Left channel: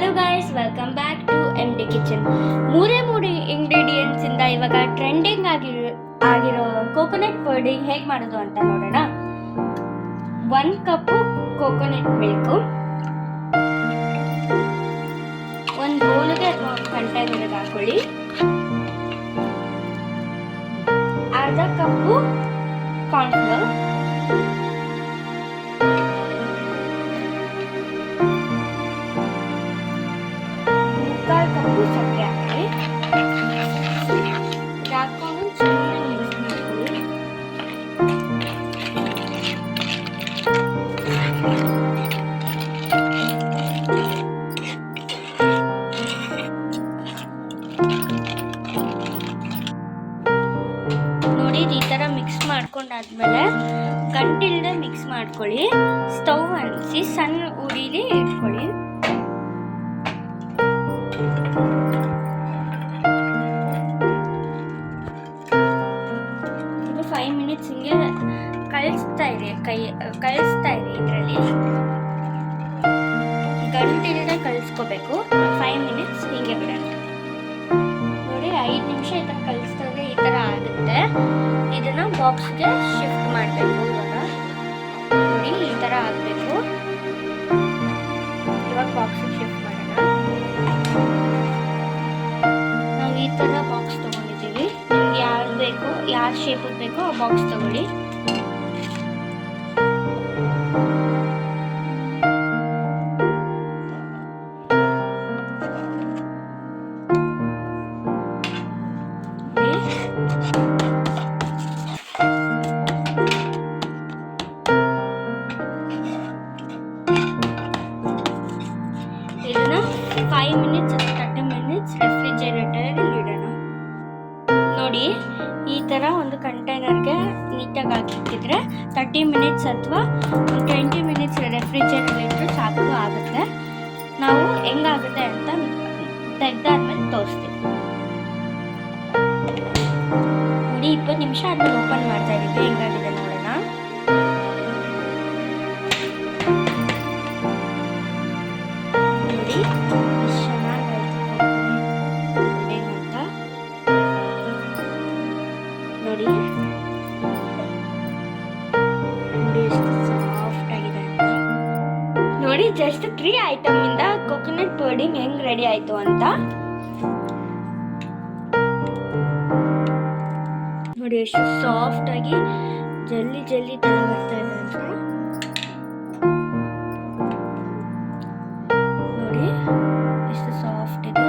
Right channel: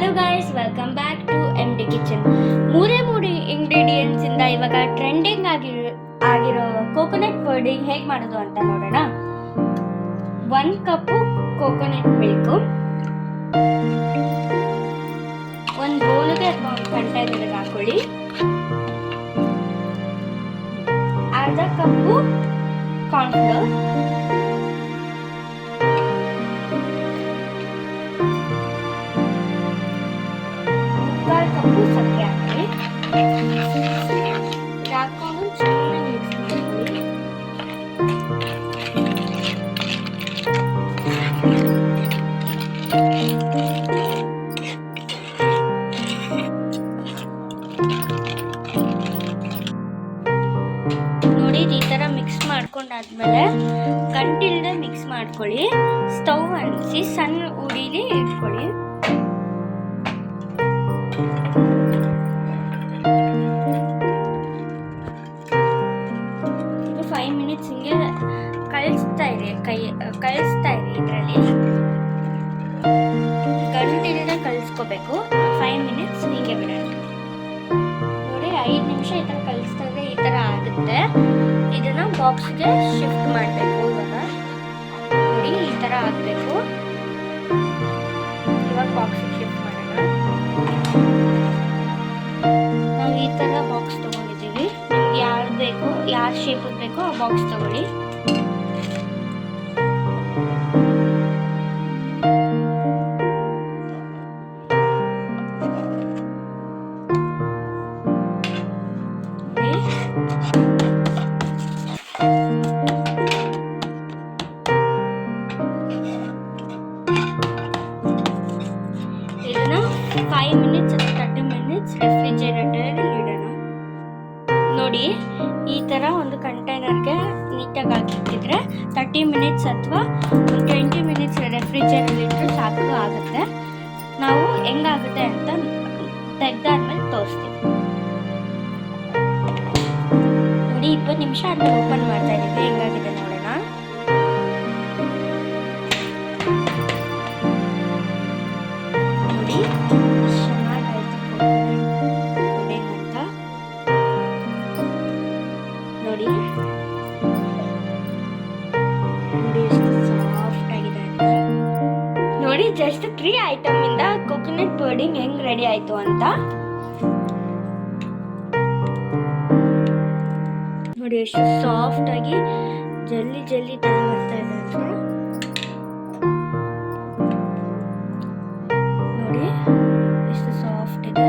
Hello guys, welcome back to MD ಕಿಚನ್. ಮೂರೇ ingredients ಇಂದ ಇವಾಗ ಟ್ರೆಂಡಿಂಗ್ ಆಗಿರೋ ಕೋಕೋನಟ್ ಪುಡಿಂಗ್ ಹೇಗೆ ಮಾಡೋದು ಅಂತ ನೋಡೋಣ. 1 ಕಪ್ ಕೋಕೋನಟ್ ಮಿಲ್ಕು, ಒಂದು ಬೌಲ್ಗೆ ಅಥವಾ ಒಂದು ಕಂಟೈನರ್ಗೆ ಹಾಕೊಳ್ಳಿ. ಅರ್ಧ ಕಪ್ಪು ಕಾರ್ನ್ಫ್ಲೋರ್, ಕಪ್ಪು ಸಕ್ಕರೆ ಹಾಕಿ ಹಾಕೊಂಡು ಚೆನ್ನಾಗಿ ಮಿಕ್ಸ್ ಮಾಡ್ಕೊಳ್ಳಿ. ನೋಡಿ, ಈ ಥರ ಮಿಕ್ಸ್ ಮಾಡ್ಕೊಂಡಾದ್ಮೇಲೆ ಗಂಟಿಲ್ದೆ ಮಿಕ್ಸ್ ಮಾಡ್ಕೊಳ್ಳಿ. ಸ್ಟವ್ ಹಂಚಿಸಿ ಸಣ್ಣ ಉರಿಲಿ ಇಟ್ಕೊಳ್ಳಿ. ಇದು 5 ಮಿನಿಟ್ಸ್ ಹಿಂಗೆ ಕಲಿಸ್ತಾ ಇರಿ ಇದರಲ್ಲಿ ಗಂಟಿಲ್ದೆ ಕಲಿಸ್ಕೋಬೇಕು. 5 ಮಿನಿಟ್ಸ್ ಹಿಂಗೆ ಬಿಡೋಣ. ನೋಡಿ, 5 ನಿಮಿಷ ಈ ಥರ ಕಲಿಸ್ತಾ ಇದ್ರೆ ಈ ಥರ ಆಗುತ್ತೆ. ಇದನ್ನ ಬಾಕ್ಸ್ಗೆ ಶಿಫ್ಟ್ ಮಾಡಬೇಕು. ನೋಡಿ, ಈ ಥರ ಆಗಬೇಕು. ಇವಾಗ ಬಾಕ್ಸಿಗೆ ಶಿಫ್ಟ್ ಮಾಡೋಣ. ನಾವು ಈ ಥರ ಬಾಕ್ಸ್ ತೊಗೊಂಡಿದ್ದೀವಿ. ನಿಮ್ಗೆ ಯಾರು ಬೇಕೋ, ಯಾರು ಶೇಪಲ್ಲಿ ಬೇಕೋ ಆ ಬಾಕ್ಸ್ ತಗೊಳ್ಳಿ. ಇದನ್ನ 5 ಮಿನಿಟ್ಸ್ ಅಥವಾ 30 ಮಿನಿಟ್ಸ್ ರೆಫ್ರಿಜರೇಟರಲ್ಲಿ ಇಡೋಣ. ನೋಡಿ, ಈ ಥರ ಒಂದು ಕಂಟೈನರ್ಗೆ ನೀಟಾಗಿ ಹಾಕಿಟ್ಟಿದ್ರೆ 30 ಮಿನಿಟ್ಸ್ ಅಥವಾ 20 ಮಿನಿಟ್ಸ್ ರೆಫ್ರಿಜರೇಟರ್ ಇಟ್ಟರೆ ಸಾಕು ಆಗುತ್ತೆ. ನಾವು ಹೆಂಗಾಗುತ್ತೆ ಅಂತ ತೆಗ್ದಾದ್ಮೇಲೆ ತೋರಿಸ್ತೀವಿ. ನೋಡಿ, 20 ನಿಮಿಷ ಆದ್ಮೇಲೆ ಓಪನ್ ಮಾಡ್ತಾ ಇದ್ದೀವಿ. ಹೆಂಗಾಗಿದೆ ನೋಡೋಣ. ನೋಡಿ, ಎಷ್ಟು ಚೆನ್ನಾಗಾಯ್ತು ಪುಡಿಂಗ್ ಅಂತ. ನೋಡಿ ಎಷ್ಟು ಸಾಫ್ಟ್ ಆಗಿದೆ ಅಂತ. ನೋಡಿ, ಜಸ್ಟ್ 3 ಐಟಮ್ ಇಂದ ಕೋಕೋನಟ್ ಪುಡಿಂಗ್ ಹೆಂಗ್ ರೆಡಿ ಆಯ್ತು ಅಂತ. ನೋಡಿ, ಎಷ್ಟು ಸಾಫ್ಟ್ ಆಗಿ ಜಲ್ಲಿ ತರ ಬರ್ತಾ ಇದೆ ಅಂತ. ನೋಡಿ, ಎಷ್ಟು ಸಾಫ್ಟ್ ಇದೆ.